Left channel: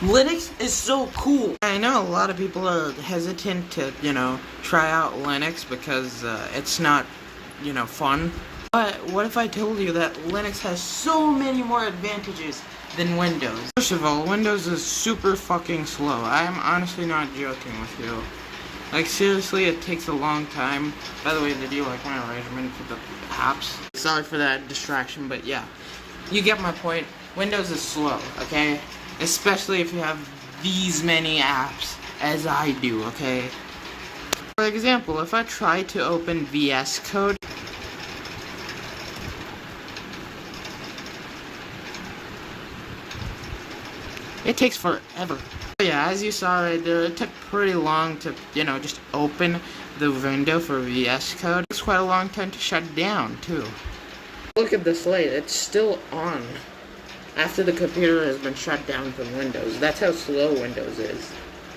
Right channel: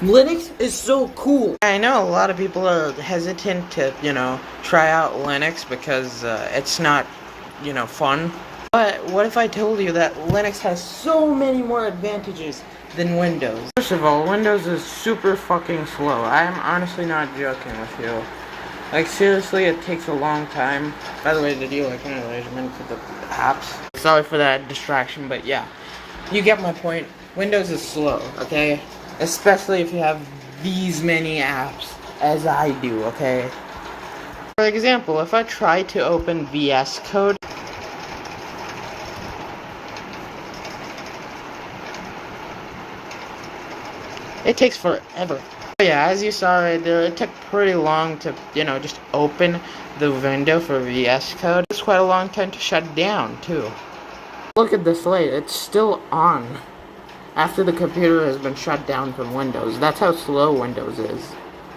Linux is so cool. I know a lot of people are hesitant to, try out Linux because it's not, fun. But what if I told you that Linux has so many more advantages than Windows? First of all, Windows is super fucking slow. I'm honestly not joking with you. Like, seriously, it takes a long time. By the way, did you like my arrangement for the apps? Sorry for that distraction, but yeah. You get my point. Windows is slow, okay? Especially if you have these many apps, as I do, okay? For example, if I try to open VS Code, it takes forever. Yeah, as you saw right there, it took pretty long to, just open the window for VS Code. It's quite a long time to shut down, too. Look at this light, it's still on after the computer has been shut down from Windows. That's how slow Windows is.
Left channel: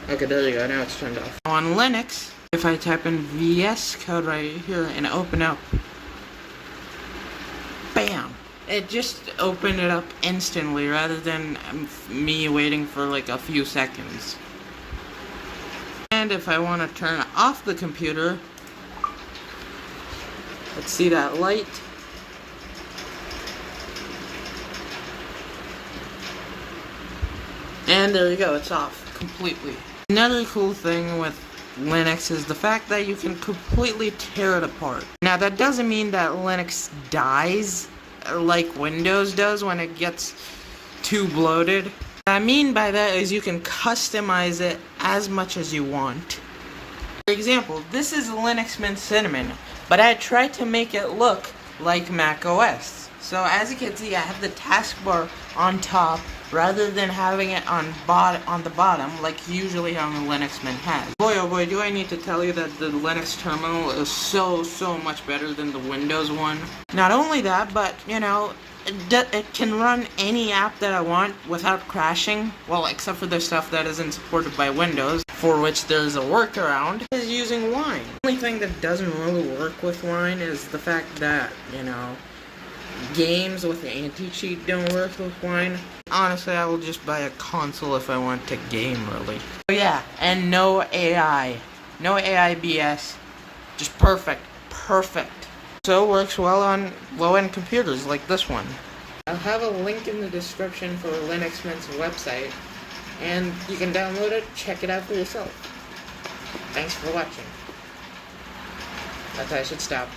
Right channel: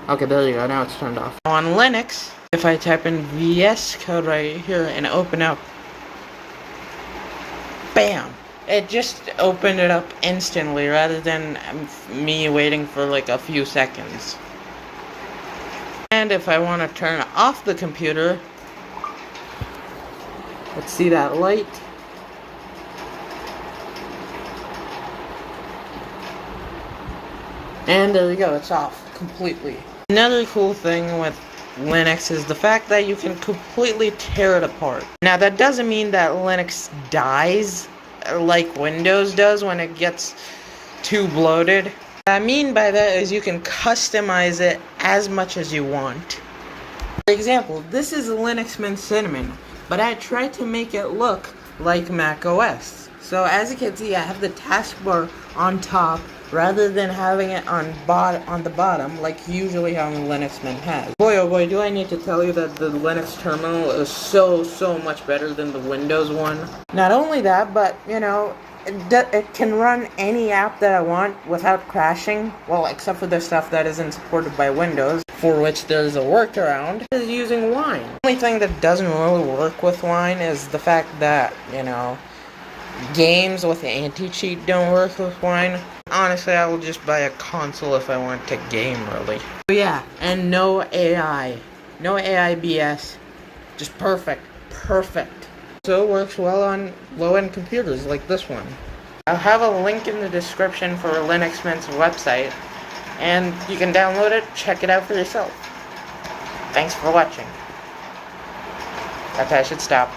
Okay, there you go, now it's turned off. On Linux, if I type in VS Code right here and open up, bam! It just opened it up instantly rather than me waiting for like a few seconds. And if I want to turn off the computer, let's see that light. And there you go, it's off completely. Another cool thing with Linux is the fact that you can completely tear it apart. Now that doesn't mean that Linux dies like Windows does when it gets too bloated. What I mean by that is you can customize it as much as you want. For example, this is Linux Mint Cinnamon, but I tried to make it look like Mac OS. So as you can see, I have the taskbar on top rather than having it on the bottom like usually how Linux Mint has. Boy oh boy, do I need to tell you that the Linux terminal is so much better than the Windows one. Not only that, but it can run any app that I want without crashing. Well, except for the stuff that isn't supported by Windows, for which there's a workaround, is using Wine. The only thing that doesn't really work with Wine is the fact that, games with anti-cheat don't work with Wine. Honestly, I will just buy a console if I want to game, really. So yeah, and no AI. No AI BS. Just perfect. So it works well on low-end computers like this one. I'll have a link in the description for Linux Mint's website, and you can download it, check it out for yourself. Thanks for watching. Okay, I should stop.